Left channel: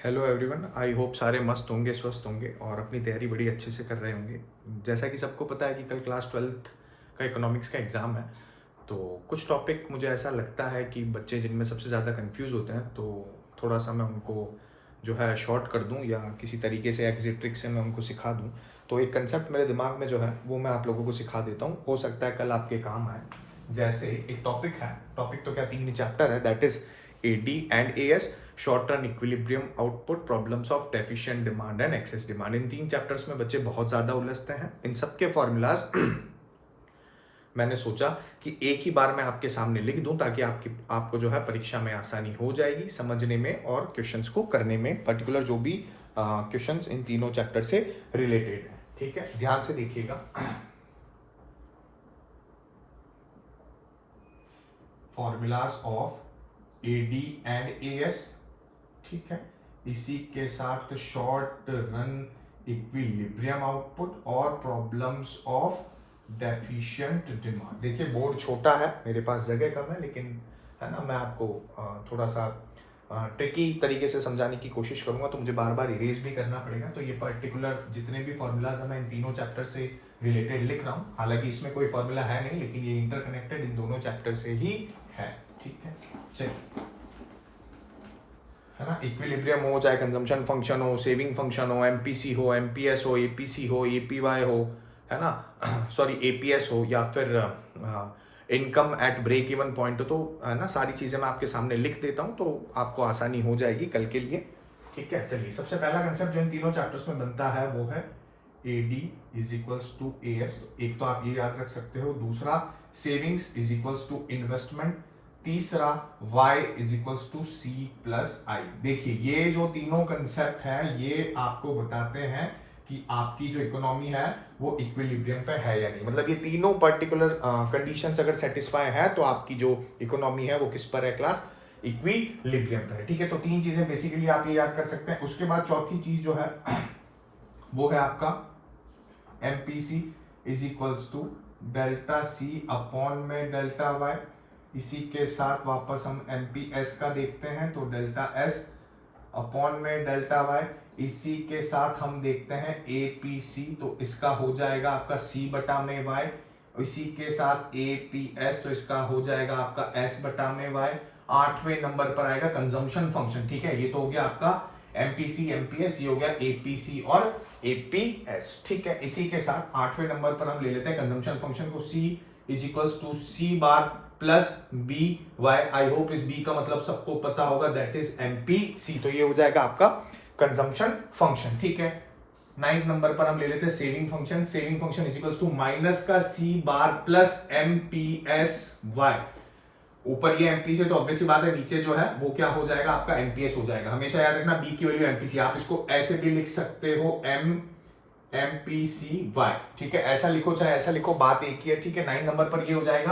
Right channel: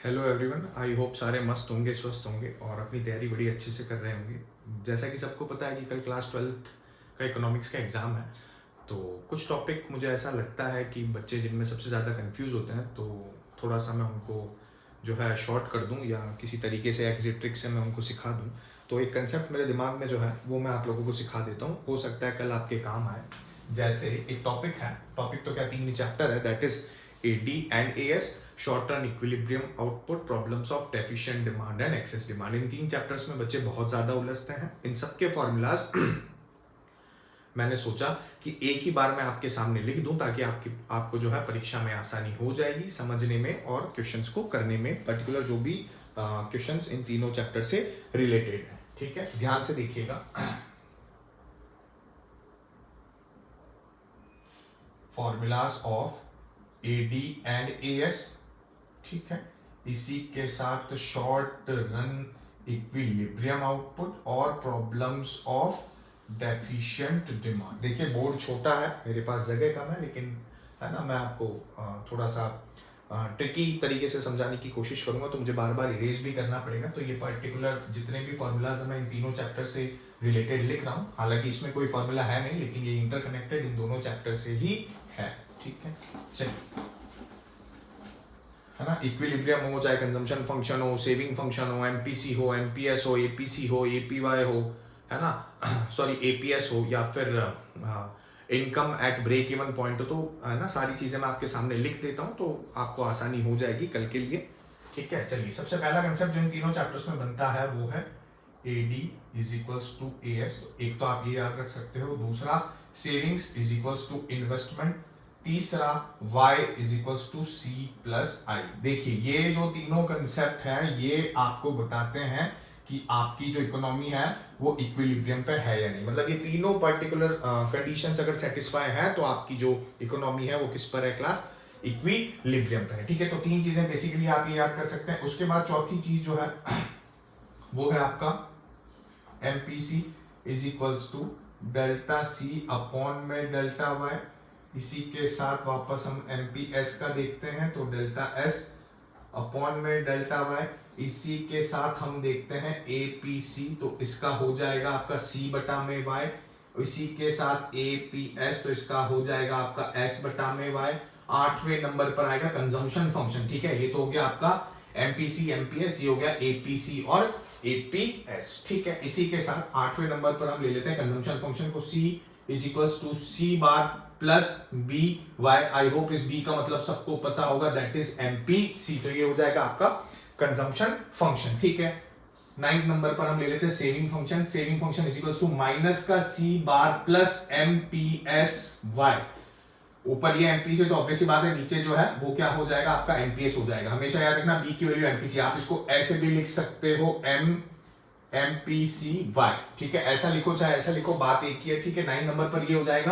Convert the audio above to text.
Hello everyone, I hope सारे मस्त होंगे, स्वस्थ होंगे और अपनी तैयारी बड़ी अच्छे से कर रहे होंगे। जैसा कि सबको पता है कि कल क्लास 12th का इकोनॉमिक्स का एग्ज़ाम है। तो कुछ टॉपिक मुझे ऐसा लगता है कि बच्चे जिनमें सबसे ज़्यादा कंफ्यूज होते हैं, तो थोड़ा-सा मैं उनको जो है शॉर्ट कर दूँ या किसी तरीके से या किसी ट्रिक से मैं उनको सिखा दूँ। तो एक कंसेप्ट मेरे दिमाग में जो है वो मैं आप लोगों को सिखा देता हूँ, हो सकता है कल आपके काम आए। जैसे एक टॉपिक है, टॉपिक तो क्या 3 ही चैप्टर है, that is AD and AS, short term equilibrium output, problems of deficient demand and excess demand. In 3 chapters में बच्चे बहुत ज़्यादा उलझते हैं। इन सब के फॉर्मूलाज मैंने सोचा कि एक ही बार मैं आपके सामने लिख दूं ताकि आपको जो है परीक्षा में आसानी हो जाएगी समझने में और क्वेश्चंस को करने में, पर्टिकुलर जो भी क्वेश्चंस इन तीनों चैप्टर से रिलेटेड है। ठीक है, ध्यान से देखिएगा। Formulas of AD and AS, ठीक है, इसी के साथ शॉर्ट रन इक्विलिब्रियम आउटपुट और प्रॉब्लम्स ऑफ डेफिशिएंट डिमांड। देखिए बोर्ड छोटा है, मेरे पास जगह कम है, लेकिन है ना, मैं आपको थोड़ा सा ट्रिकी तरीके से समझाने की कोशिश करूंगा, तो मुझे बार बार इरेज भी करना पड़ेगा। तो ये पर्टिकुलर जितने भी फॉर्मूलाज हैं मैं इन तीनों चैप्टर से रिलेटेड लिख रहा हूँ। हालांकि इसमें कोई फॉर्मूला है नहीं, लेकिन ये इंटरकनेक्टेड इन दोनों चैप्टर से ही है। ठीक है, चलिए, है ना, इक्विलिब्रियम हो, चाहे कंजम्पशन फंक्शन हो, सेविंग फंक्शन हो, एमपीसी हो, एमपीएस हो, एपीसी हो, एपीवाई हो, है ना, सॉरी एपीएस हो, या फिर income at break even point हो, तो है ना, सारी चीज़ें मैं आपके सामने लिख देता हूँ तो आपको आसानी हो जाएगी कल के लिए। ठीक है, चलिए, सबसे पहला कंसेप्ट जो इन तीनों चैप्टर्स में बनता है वो है AD is equals to AS। एक तो आप ये याद रख सकते हो, दूसरा savings is equals to investment, तीसरा y is equals to C plus I. देखिए ये जो तीनों कंसेप्ट है ये आपको बताते हैं कि आपकी जो इकोनॉमी है वो इक्विलिब्रियम पे है या नहीं। मतलब ये तीनों पर्टिकुलर कंडीशंस अगर सेटिस्फाई है तो आपकी जो इकोनॉमी है वो किस पर है, क्लास इक्विलिब्रियम पे है। ठीक है, तो तीन चीजें बेसिकली आप ये याद कर सकते हैं। उसके बाद चौथी चीज जो है वो है आपका MPC is equals to delta C upon में डेल्टा Y। इसी के साथ वापस हम MPS का देखते हैं, तो डेल्टा S अपॉन में डेल्टा Y। इसी के साथ हम देखते हैं APC, तो इसका हो जाएगा आपका C बटा में Y। इसी के साथ APS, तो इसका हो जाएगा आपका S बटा में Y। आठवें नंबर पर आएगा कंजम्पशन फंक्शन। ठीक है, ये तो हो गया आपका MPC MPS, ये हो गया APC और APS। ठीक है, इसी के साथ आठवें नंबर पर हम ले लेते हैं कंजम्पशन फंक्शन को, C is equals to C bar plus b y. I hope इस बी का मतलब सबको पता होगा, दैट इज MPC। तो ये हो जाएगा आपका कंजम्पशन फंक्शन। ठीक है, 9th नंबर पर हम ले लेते हैं saving function. Saving function is equals to minus का C bar plus MPS Y। ऊपर ये MPC, तो ऑब्वियसली बात है, नीचे जो है वो क्या हो जाएगा आपका MPS हो जाएगा। हमेशा याद रखना B की वैल्यू MPC, आप इसको ऐसे भी लिख सकते हो MPCY। ठीक है, ऐसा लिखो चाहे ऐसा लिखो, बात एक ही है। ठीक है, 9 नंबर पर ये हो जाएगा